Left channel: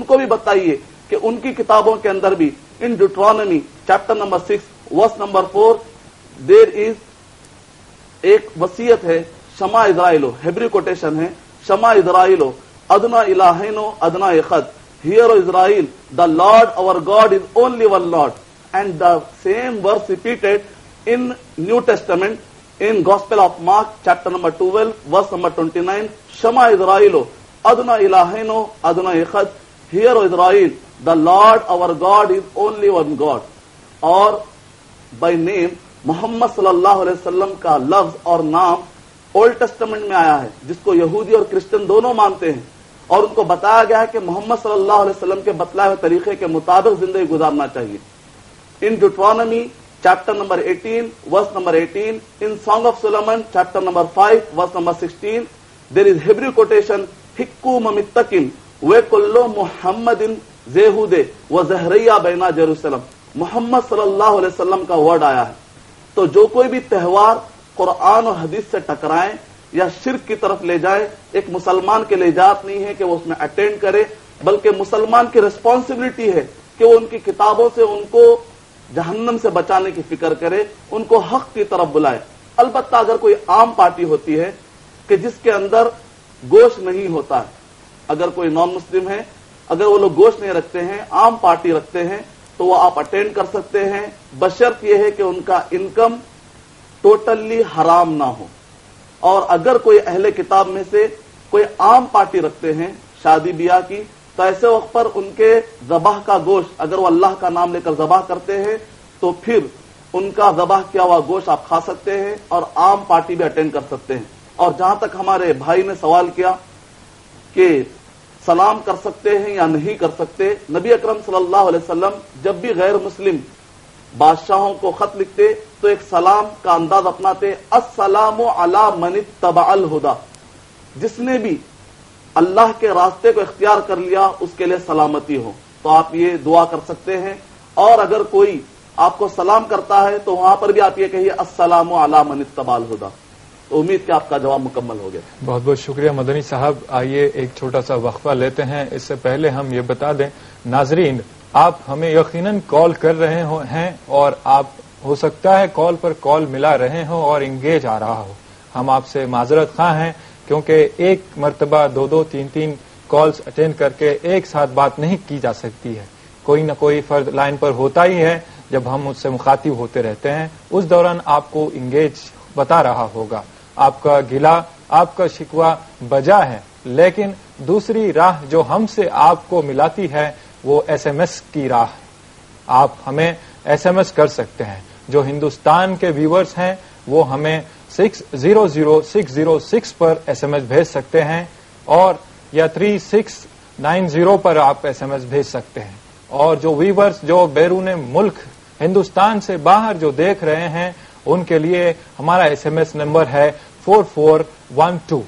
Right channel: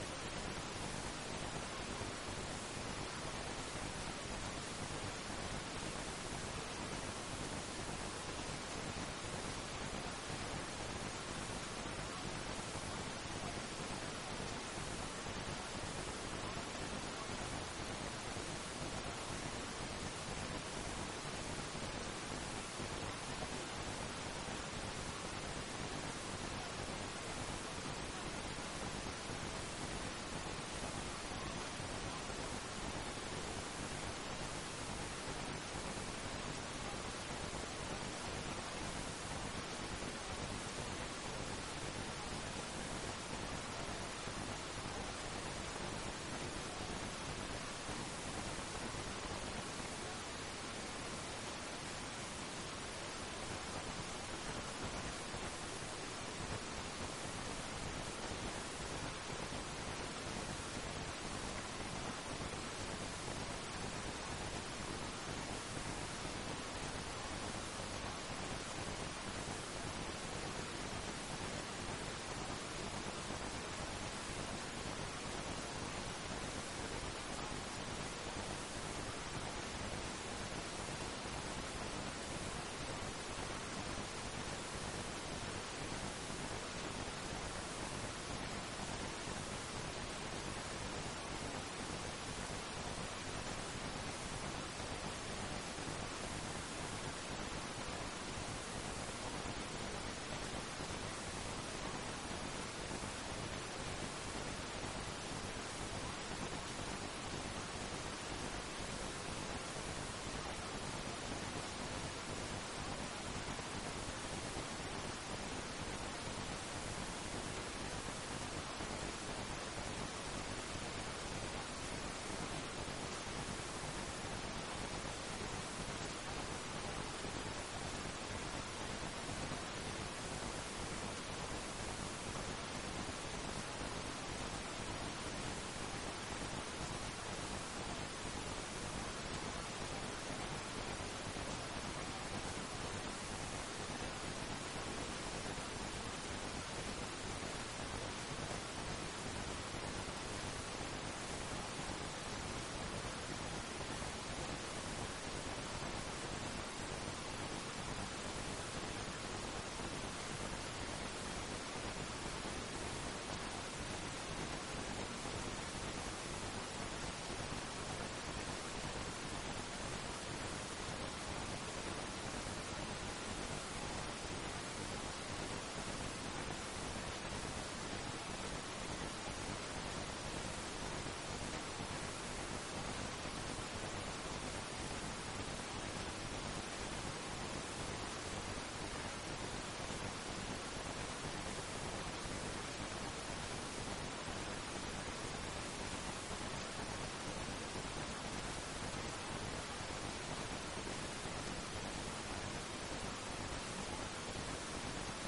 उनको भी बताइए कि उनकी किताबों के अंदर भी in Deuteronomy chapter number 6 verse number 4 there is एक वसीयत है, शमा इजराइलो, हेब्री कोटेशन है, शमा इजराइलो अदना इलाहिनो अदना इखद, hear O Israel the Lord our God is only one Lord, and the same verse repeated in New Testament in Gospel of Mark chapter number 12 verse number 29, Shema Israelo Adna Ilaheno Adna Echad, hear O Israel the Lord our God is only one God. और by name Mohammad सल्लल्लाहु अलैहि वसल्लम का लफ्ज और नाम old testament में आया है, जिसको यहूदी और क्रिश्चियन दोनों मानते हैं, और उनको बताया गया है कि मोहम्मद सल्लल्लाहु अलैहि वसल्लम के बतलाए हुए तरीके के मुताबिक जिंदगी गुजारना चाहिए. इन ड्यूटरॉनमी chapter number 18 verse number 18, in Song of Solomon chapter number 5 verse number 16, there is Hebrew quotation hikku mamittakin ve kullu muhammadin zehude wa zahriya baina Jerusalem. Mohammad सल्लल्लाहु अलैहि वसल्लम का वर्ड आया है. तो जो कोई भी त्यौहार कुरान और हदीस से टकराए या शिर्क की तरफ ले जाए, एक मुसलमान के लिए इजाजत नहीं है कि वो उसमें अटेंड करे, बल्कि मुसलमान की रिस्पॉन्सिबिलिटी है कि वो उनकी किताबों से उनको जहन्नम से बचाने की फिक्र करे, उनको हक की तरफ बुलाए. अलबत्ता अगर कोई आम पार्टी होती है कि जिसके अंदर गोश्त नहीं होता है, अगर कोई नॉन मुस्लिम है, अगर वो लोग गोश्त नहीं रखते हैं, आम पार्टी रखते हैं, तो वो आप अटेंड कर सकते हैं, बशर्त ये है कि उनका इनकम टोटली हराम ना हो. और अगर कोई अहले किताब में से कोई आम पार्टी रखते हैं शादी ब्याह की, तो ऐसे वक्त पर उनके ज़बाह का गोश्त अगर वो अल्लाह का नाम लेकर ज़बाह करते हैं, तो फिर उनका ज़बाह किया हुआ गोश्त आप खा सकते हैं और आम पार्टी भी अटेंड कर सकते हैं. और जहां तक हमारे भाई ने सवाल किया कि सलाम कर सकते हैं या नहीं कर सकते, नबी अकरम सल्लल्लाहु अलैहि वसल्लम जब भी गैर मुस्लिम बादशाहों को खत लिखते तो एक सलाम का अंदाज अपनाते, अस्सलामु अला मन इत्तबअल हुदा, जिसने भी अल्लाह के रास्ते को इख्तियार कर लिया उसके लिए सलामती हो. तो आप ये दुआ कर सकते हैं. और अगर कोई आपको सलाम करता है तो वहां पर भी आप ये कहिए अस्सलामु अला मन इत्तबअल हुदा. उम्मीद कि आपका जवाब मुकम्मल हो गया. बहुत बहुत शुक्रिया मदनी साहब. आइए एक छोटा सा वक्फा लेते हैं. इससे पहले हम ये बता दें नाजरीन, आप हमें यकीनन कॉल कर रहे हैं और आप हो सकता है कॉल पर कॉल मिला रहे हो और इंगेज आ रहा हो. हम आपसे माजरत खां हैं क्योंकि एक मरतबा दो दो तीन तीन कॉल्स अटेंड करके एक साथ बात नहीं की जा सकती है. कोई न कोई फर्द लाइन पर होता ही है. जब हम उससे मुखातिब होते रहते हैं उस दौरान आपको इंगेज बता रहा होगा. आपका गिला, आपका शिकवा बजा है, लेकिन दूसरी राह जो हमसे आपको मिलाती है वो एसएमएस की राह. आप हमें एसएमएस कर सकते हैं. जो हिंदुस्तान के व्यूअर्स हैं वो हमें 600606 पर एसएमएस भेज सकते हैं, और या 3690 पर आप एसएमएस भेज सकते हैं. और जो व्यूअर्स जो बैरून मुल्क हिंदुस्तान से बाहर जो देख रहे हैं उनके लिए हमारा एसएमएस नंबर है 4412.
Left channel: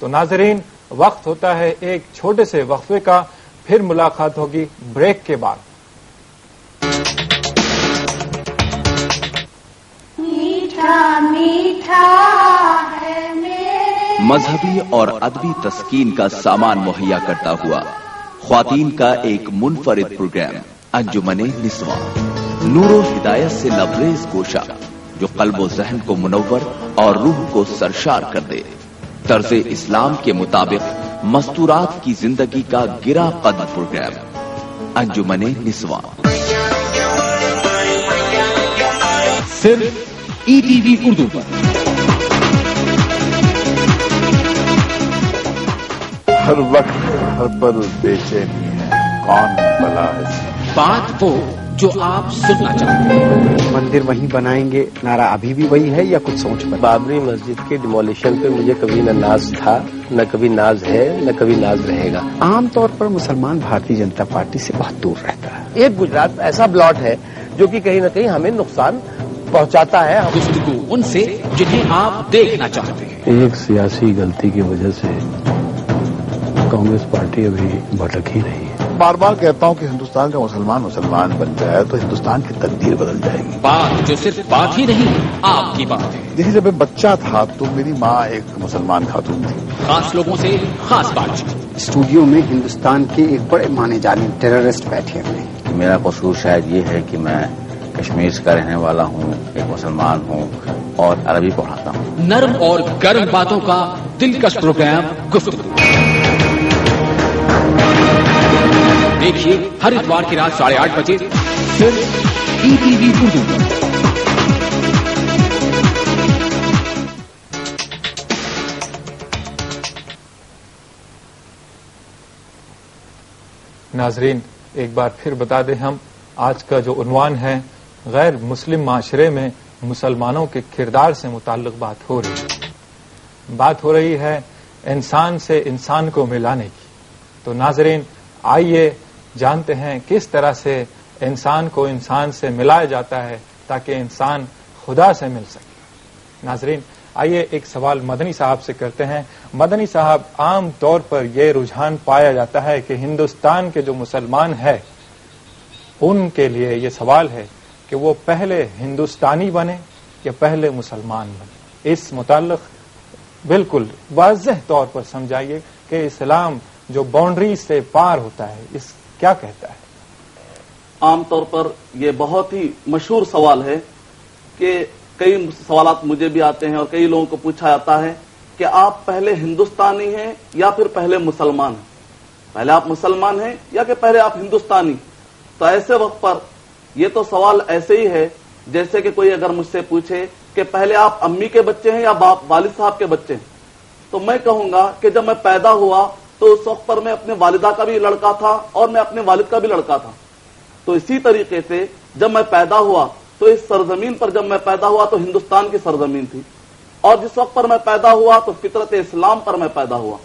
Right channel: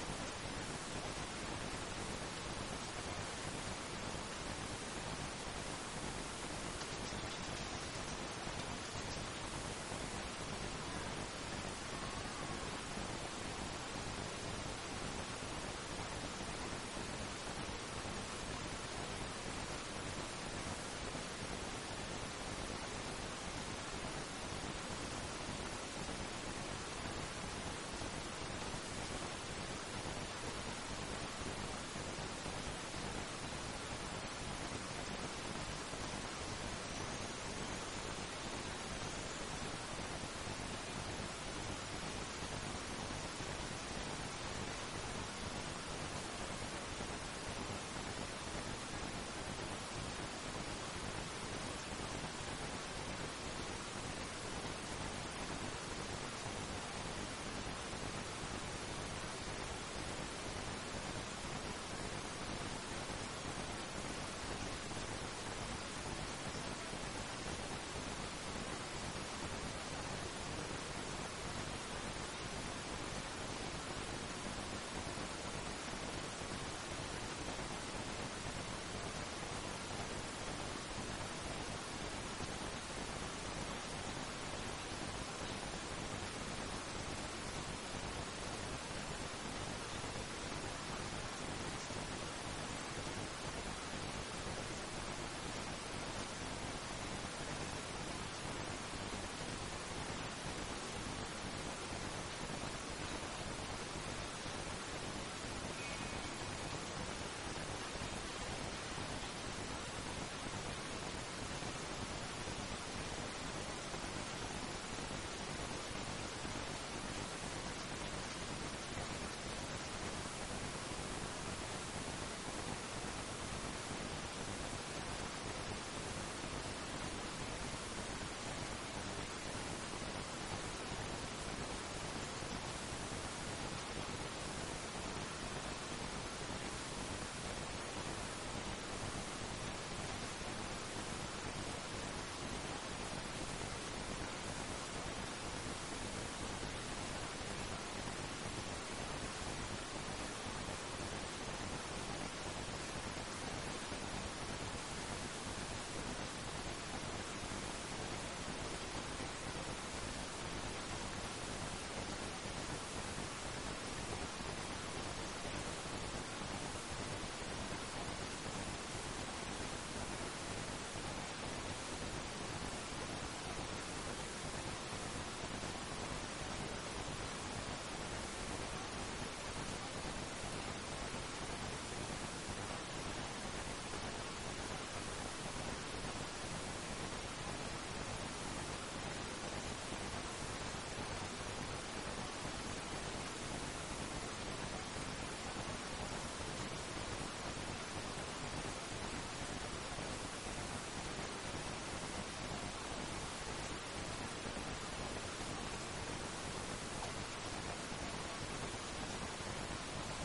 तो नाजरीन, वक्त होता है एक छोटे से वक्फे का. फिर मुलाकात होगी ब्रेक के बाद. मीठा मीठा है मेरे. मजहबी और अदबी तस्कीन का सामान मुहैया करता हुआ ख्वातीन का एक मुनफरिद प्रोग्राम अंजुमने निस्वा, नूरो हिदायत से लबरेज गोशा जो कल्बो जहन को मुनव्वर और रूह को सरशार कर दे. तर्ज़े इस्लाम के मुताबिक मस्तूरात की जिंदगी का गिरा कद प्रोग्राम अंजुमने निस्वा, सिर्फ ईटीवी उर्दू पर. हर वक्त हर पल बेचैनी है, कौन भला है. बात वो जो आप सुनना चाहते हैं. मंदिर वहीं बनाएंगे, नारा अभी भी वही है या कुछ सोच पर? बाबरी मस्जिद के डिमोलिशन पे मुझे कभी न नाज था, न कभी नाज है, न कभी नाज रहेगा. आमतौर पर मुसलमान भारतीय जनता पार्टी से बहुत दूर रहता है. एक गुजरात ऐसा ब्लॉट है जो कि कहीं न कहीं हमें नुकसान पहुंचाता है. गुफ्तगू उनसे जिन्हें आप देखना चाहते हैं. एक सियासी गलती की वजह से कांग्रेस पार्टी अभी भटक ही रही है. बार बार कहता हूं कि हिंदुस्तान का मुसलमान बन जाए तो हिंदुस्तान की तकदीर बदल जाएगी। बात जो सिर्फ बात ही नहीं, आपकी बात है। देखिए, जब मैं बच्चा था तो मेरी माँ एक मुसलमान खातून थी। खास लोगों से खास बातचीत। स्टूडियो में हिंदुस्तान के एक बड़े माने जाने टेररिस्ट बैठे हुए। मेरा कसूर शायद ये है कि मैं कश्मीर का रहने वाला हूँ, एक मुसलमान हूँ और अरबी पढ़ाता हूँ। नरम और गर्म बातों का दिलकश प्रोग्राम गुफ्तगू देखिए हर इतवार की रात 8:30 बजे सिर्फ ईटीवी उर्दू पर। नाजरीन, एक बार फिर बता दें, हम आज का जो उन्वान है गैर मुस्लिम माशरे में मुसलमानों के किरदार से मुताल्लिक बात हो रही है इंसान से इंसान को मिलाने की। तो नाजरीन, आइए जानते हैं किस तरह से इंसान को इंसान से मिलाया जाता है ताकि इंसान खुदा से मिल सके। नाजरीन, आइए एक सवाल मदनी साहब से करते हैं। मदनी साहब, आम तौर पर यह रुझान पाया जाता है कि हिंदुस्तान के जो मुसलमान हैं उनके लिए ये सवाल है कि वो पहले हिंदुस्तानी बने या पहले मुसलमान बने। इस मुताल्लिक बिल्कुल वाज़ेह तौर पर समझाइए कि इस्लाम जो बाउंड्री से पार होता है इस क्या कहता है। आमतौर पर यह बहुत ही मशहूर सवाल है कि कई सवालात मुझे भी आते हैं और कई लोगों को पूछा जाता है कि आप पहले हिंदुस्तानी हैं या फिर पहले मुसलमान हैं, पहले आप मुसलमान हैं या कि पहले आप हिंदुस्तानी। तो ऐसे वक्त पर यह तो सवाल ऐसे ही है जैसे कि कोई अगर मुझसे पूछे कि पहले आप अम्मी के बच्चे हैं या बाप वालिद साहब के बच्चे हैं, तो मैं कहूंगा कि जब मैं पैदा हुआ तो उस वक्त पर मैं अपने वालिदा का भी लड़का था और मैं अपने वालिद का भी लड़का था। तो इसी तरीके से जब मैं पैदा हुआ तो इस सरजमीन पर जब मैं पैदा हुआ तो हिंदुस्तान की सरजमीन थी, और जिस वक्त पर मैं पैदा हुआ तो फितरत इस्लाम पर मैं पैदा हुआ।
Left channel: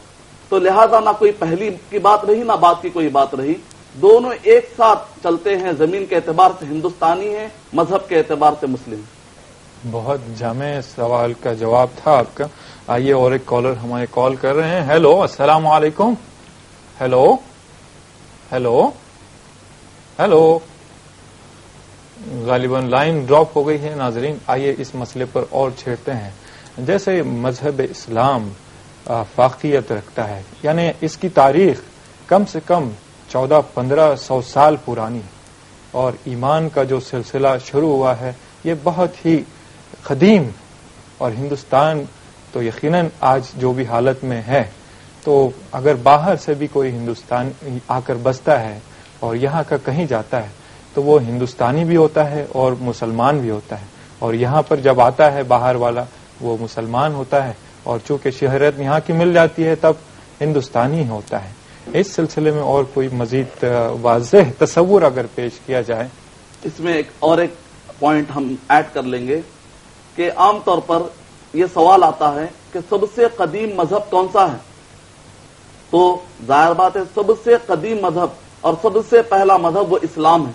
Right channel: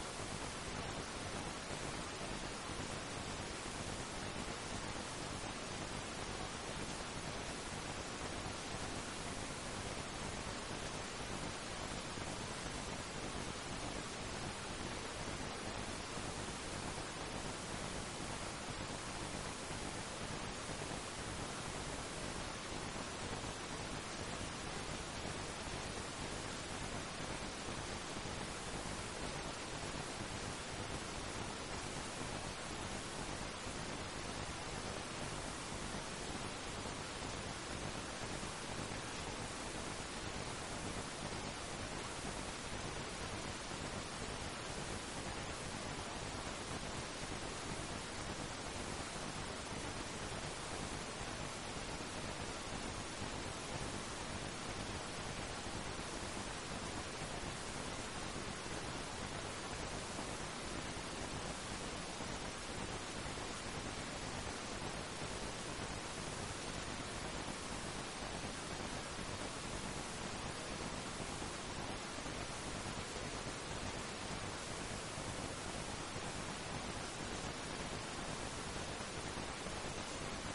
तो लिहाजा ना कोई पहली की बात रही ना बात की कोई बात रही, दोनों एक साथ चलते हैं। जमीन के एतबार से हिंदुस्तानी है, मजहब के एतबार से मुस्लिम। बहुत जामे सवाल का जवाब था आपका। आइए और एक कॉलर हमारे कॉल कर रहे हैं। हेलो, अस्सलाम वालेकुम। हेलो हेलो हेलो, गालिबन लाइन ड्रॉप हो गई है। नाजरीन, आइए इस मसले पर और छेड़ते हैं। जैसे मजहब इस्लाम फाकियत रखता है, यानी इसकी तारीख कम से कम 1400-1500 साल पुरानी है और ईमान का जो सिलसिला शुरू हुआ है ये बहुत ही कदीम, और हिंदुस्तान तो यकीनन आज जो भी हालत में है, तो अगर बाहर से भी कोई हिंदुस्तान आकर बसता है और यहाँ का कहीं जाता है तो वो हिंदुस्तानी भी होता है और मुसलमान भी होता है, और यहाँ पर जब आता है बाहर वाला वो मुसलमान होता है, और चूंकि शहरत यहाँ की मिल जाती है तब हिंदुस्तानी होता है। इस सिलसिले में और कोई मजीद वाज़ेह तस्वुर अगर पेश किया जाए। इसमें एक पॉइंट हम ऐड कर लेंगे कि आमतौर पर यह सवाल आता है कि सबसे कदीम मजहब कौन सा है। तो जाहिर बात है सबसे कदीम मजहब और सबसे पहला मजहब वो इस्लाम है,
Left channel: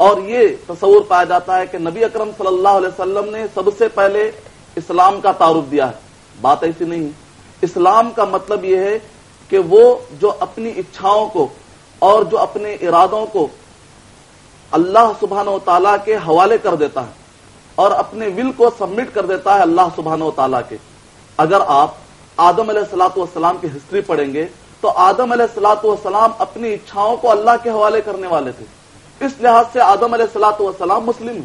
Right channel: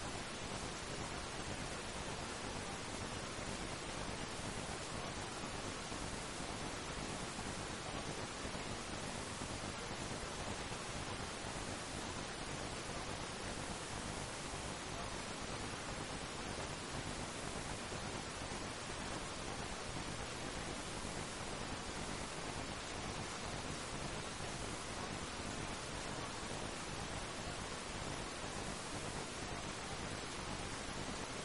और ये तस्वुर पाया जाता है कि नबी अकरम सल्लल्लाहु अलैहि वसल्लम ने सबसे पहले इस्लाम का तारुफ दिया है। बात ऐसी नहीं है। इस्लाम का मतलब यह है कि वो जो अपनी इच्छाओं को और जो अपने इरादों को अल्लाह सुब्हानहू व तआला के हवाले कर देता है और अपने विल को सबमिट कर देता है अल्लाह सुब्हानहू व तआला के। अगर आप आदम अलैहिस्सलातु वस्सलाम की हिस्ट्री पढ़ेंगे तो आदम अलैहिस्सलातु वस्सलाम अपनी इच्छाओं को अल्लाह के हवाले करने वाले थे। इस लिहाज से आदम अलैहिस्सलातु वस्सलाम मुस्लिम है।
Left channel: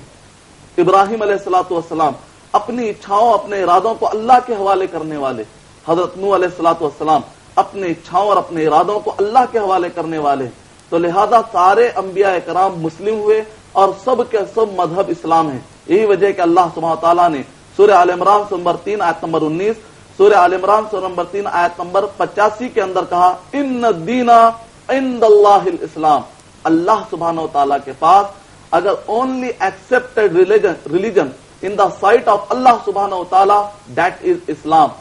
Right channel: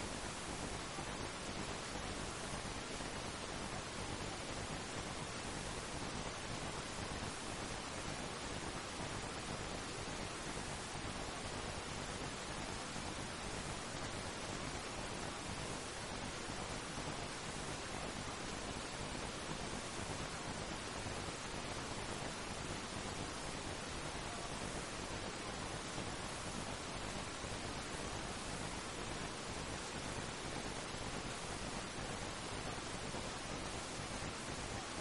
इब्राहिम अलैहिस्सलातु वस्सलाम अपनी इच्छाओं अपने इरादों को अल्लाह के हवाले करने वाले। हजरत नूह अलैहिस्सलातु वस्सलाम अपने इच्छाओं और अपने इरादों को अल्लाह के हवाले करने वाले। तो लिहाजा सारे अंबिया इकराम मुस्लिम हुए और सब के सब मजहब इस्लाम है। यही वजह कि अल्लाह सुब्हानहू व तआला ने सूरह आल इमरान नंबर 3 आयत नंबर 19, सूरह आल इमरान नंबर 3 आयत नंबर 85 के अंदर कहा, इन्न दीना इंदल्लाहिल इस्लाम। अल्लाह सुब्हानहू व तआला के पास अगर only accepted religion in the sight of अल्लाह सुब्हानहू व तआला दैट इज इस्लाम।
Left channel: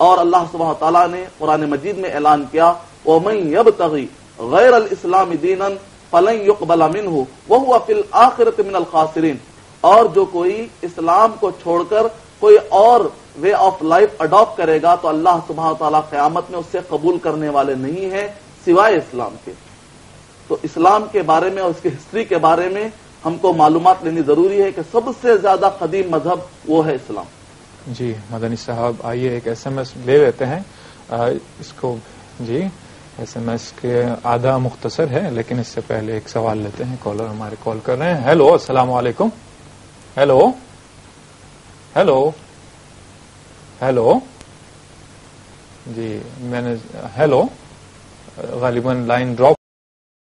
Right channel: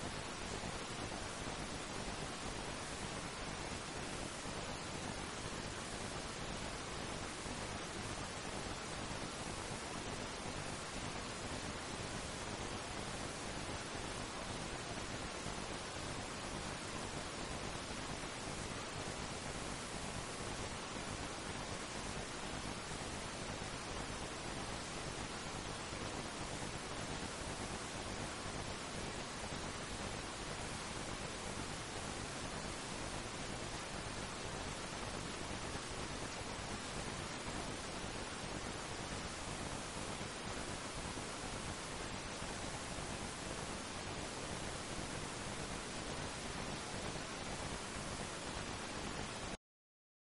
और अल्लाह सुब्हानहू व तआला ने कुरान मजीद में ऐलान किया, वमन यब्तगी गैरल इस्लाम दीनन फलन युक़बल मिन्हु व हुवा फिल आखिरति मिनल खासिरीन। और जो कोई इस्लाम को छोड़कर कोई और वे ऑफ लाइफ अडॉप्ट करेगा तो अल्लाह सुब्हानहू व तआला क़यामत में उससे कबूल करने वाले नहीं है सिवाय इस्लाम के। تو اسلام کے بارے میں اور اس کی ہسٹری کے بارے میں ہم کو معلومات لینی ضروری ہے کہ سب سے زیادہ قدیم مذہب وہ ہے اسلام. جی مدنی صاحب آئیے ایک ایس ایم ایس لے لیتے ہیں. اس کو جی ایس ایم ایس کے آدھا مختصر ہے لیکن اس سے پہلے ایک سوال لیتے ہیں. کالر ہمارے کال کر رہے ہیں. ہیلو السلام علیکم. ہیلو ہیلو ہیلو جی میں نے ہیلو غالباً لائن ڈراپ